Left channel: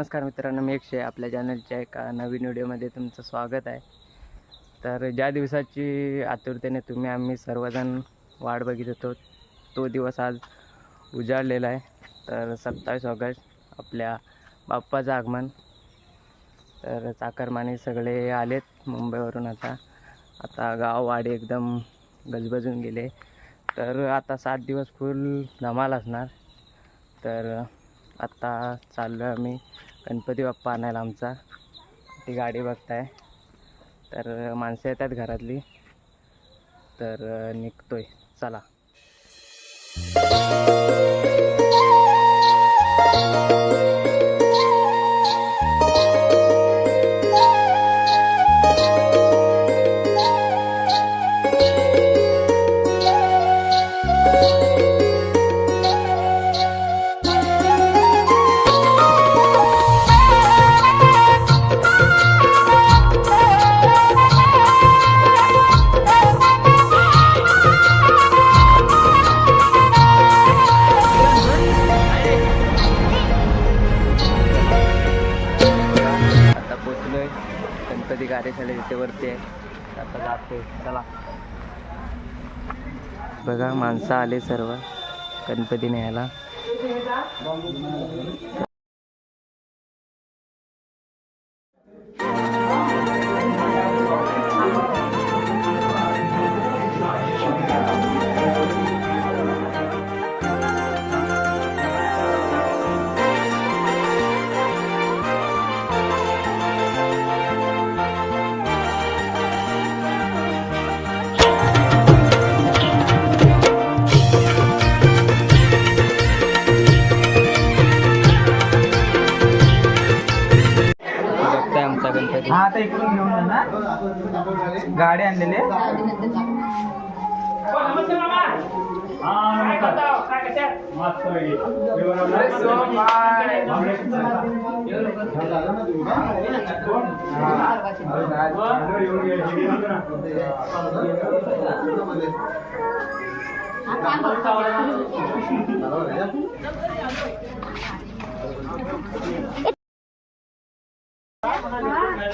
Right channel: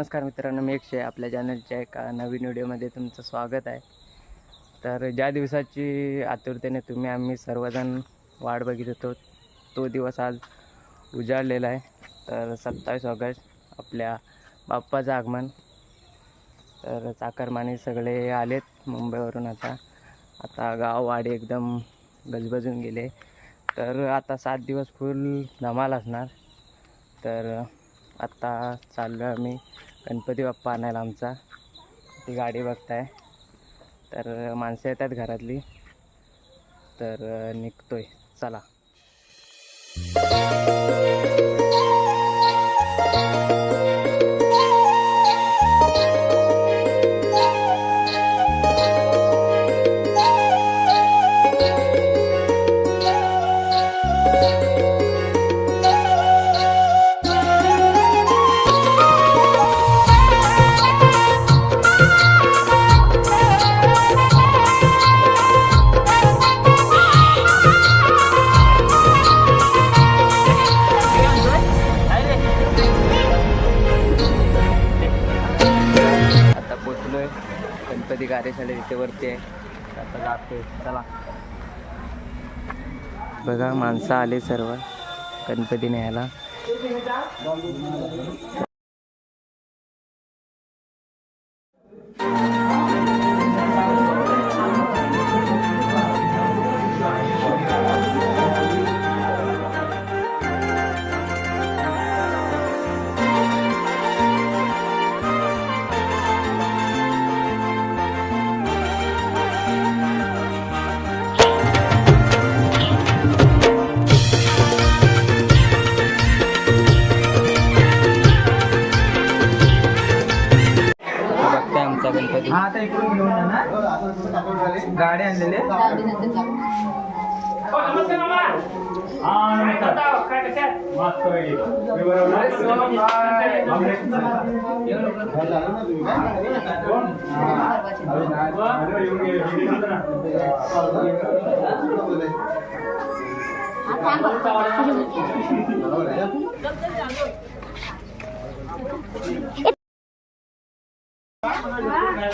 नमस्कार मित्रांनो मी एकशे आपल्या चॅनलच्या एका नवीन व्हिडिओमध्ये तुमचं स्वागत आहे. तर ज्या दिवसाची आतुरतेने तुम्ही आम्ही सर्वजण वाट बघित होतो तो दिवस आज उजाडलेला आहे. तर सत्तावीस ऑगस्ट आपल्या बाप्पाचं आगमन. तर चाकरमाने सगळे आलेत मुंबईवरून आता. आता गाववाडी एकदम गजबजून गेले. तर आता सात दिवस फुल धमाल असणार. तर आत्ता चाललो आहे आम्ही. गणपती बाप्पा आणायला आमचा. ती गाडी बघताय. तर माणसं येतात घरातली. तर निघतोय. चला. गणपती कार्यशाळा तिथे वरती आहे. आता जाते चला. बघा माणसं आले सर्व. गणपती न्यायला. आता इकडून घेऊन जा ना गाडी आणलेली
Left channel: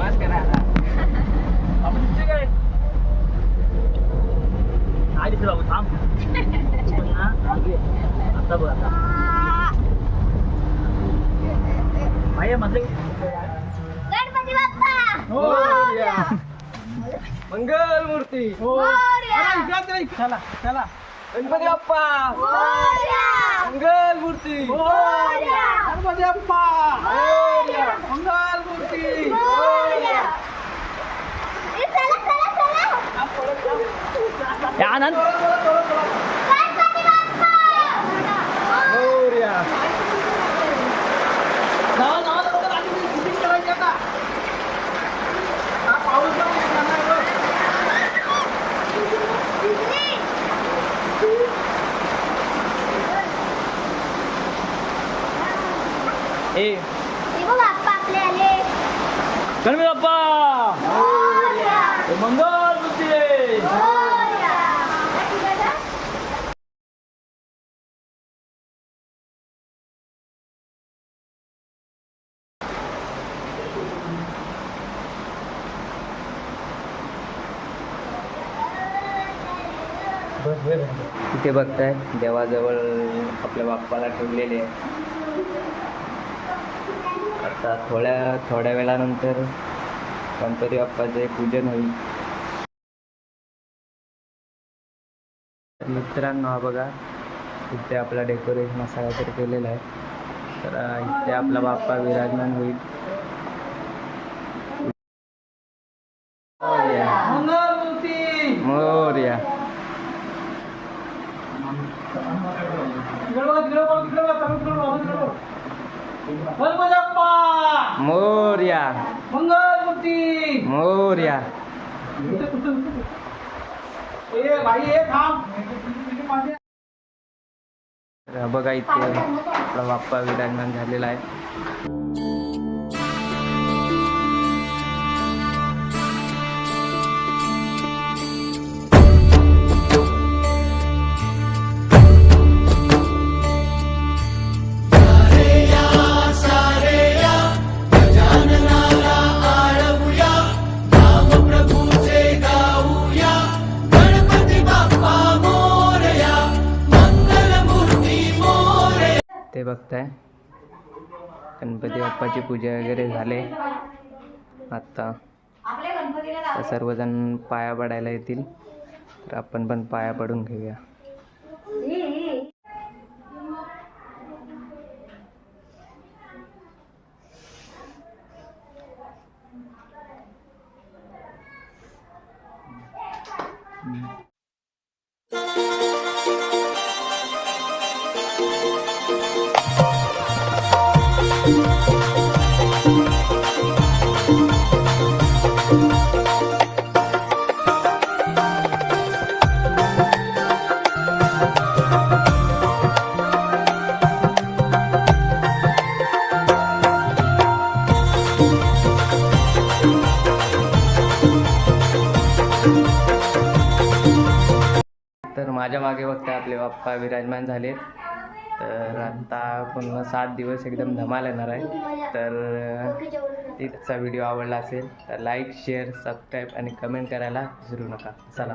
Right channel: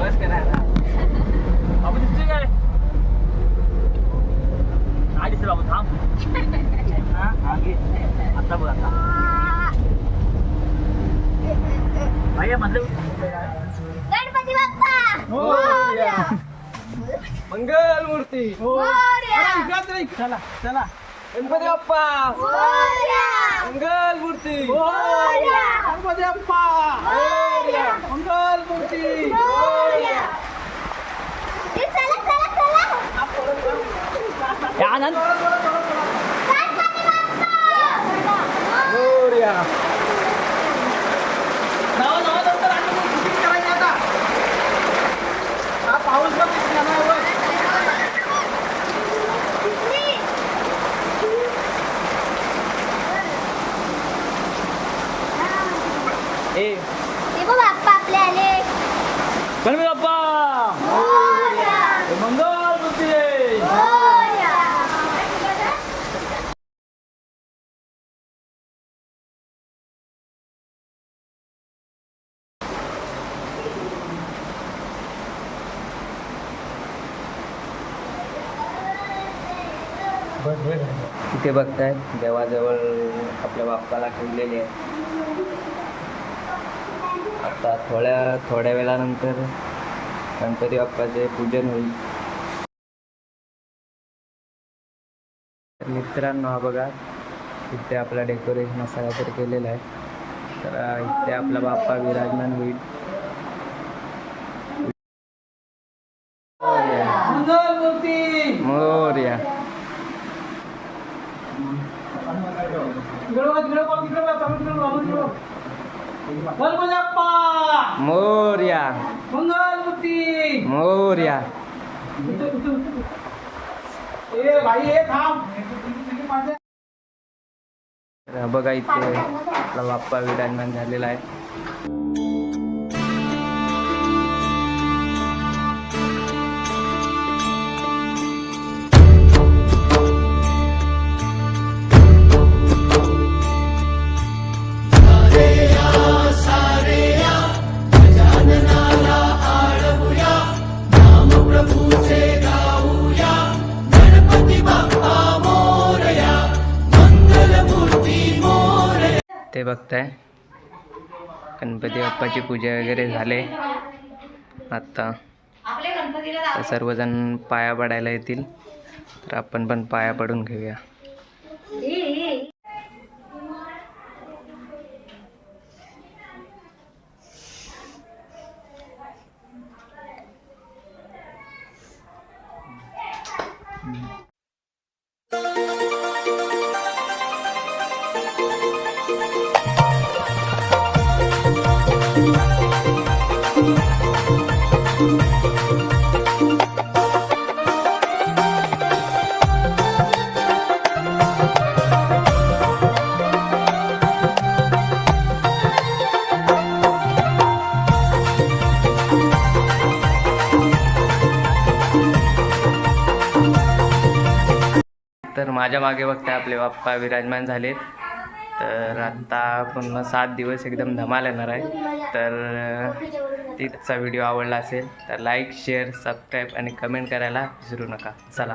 बस करा आता बाबू थांब आता बघ. भाई मतलब गणपती बाप्पा! मंगल मूर्ती! चला चला. गणपती बाप्पा! मंगल मूर्ती! गणपती बाप्पा. मंगल मूर्ती. मोरया! ए, चला, चला, चला. आनंद गणपती बाप्पा! मोरया नवा नवा दप्तर आणि शूटिंग करायची आता हा पाऊस बघ किती मोठा आहे बघ. ए हे बघ, बाप्पा आपले आले. गणपती बाप्पा मंगल मूर्ती तिथे बघताय देवाजवळ आपल्या बाप्पाला ठेवलेले आहे आता थोड्या थोड्या वेळानंतर गणपती बाप्पाचे पूजन होईल. मित्रांनो हा बघा. इथे आपला डेकोरेशन असं काहीतरी केलेलं आहे. तर इथे आपला बाप्पा विराजमान होईल. मोरया. मोरया. तिकडे बघा इथे आपला बाप्पा विराजमान झालेला आहे. ते बघताय. गणपती बाप्पाची पूजा वगैरे झाले. आत्ता तर सर्वजण पाया पडायला येतील. तर आपण पण पाया पडून घेऊया. माझ्या मागे बघताय आपले बाप्पा विराजमान झालेत. तर आत्ता पुन्हा सात दिवस एकदम धमाल येणार आहे. तर तिथचा व्हिडिओ आवडला असेल तर लाईक शेअर सबस्क्राईब आणि कमेंट करायला विसरू नका. चला.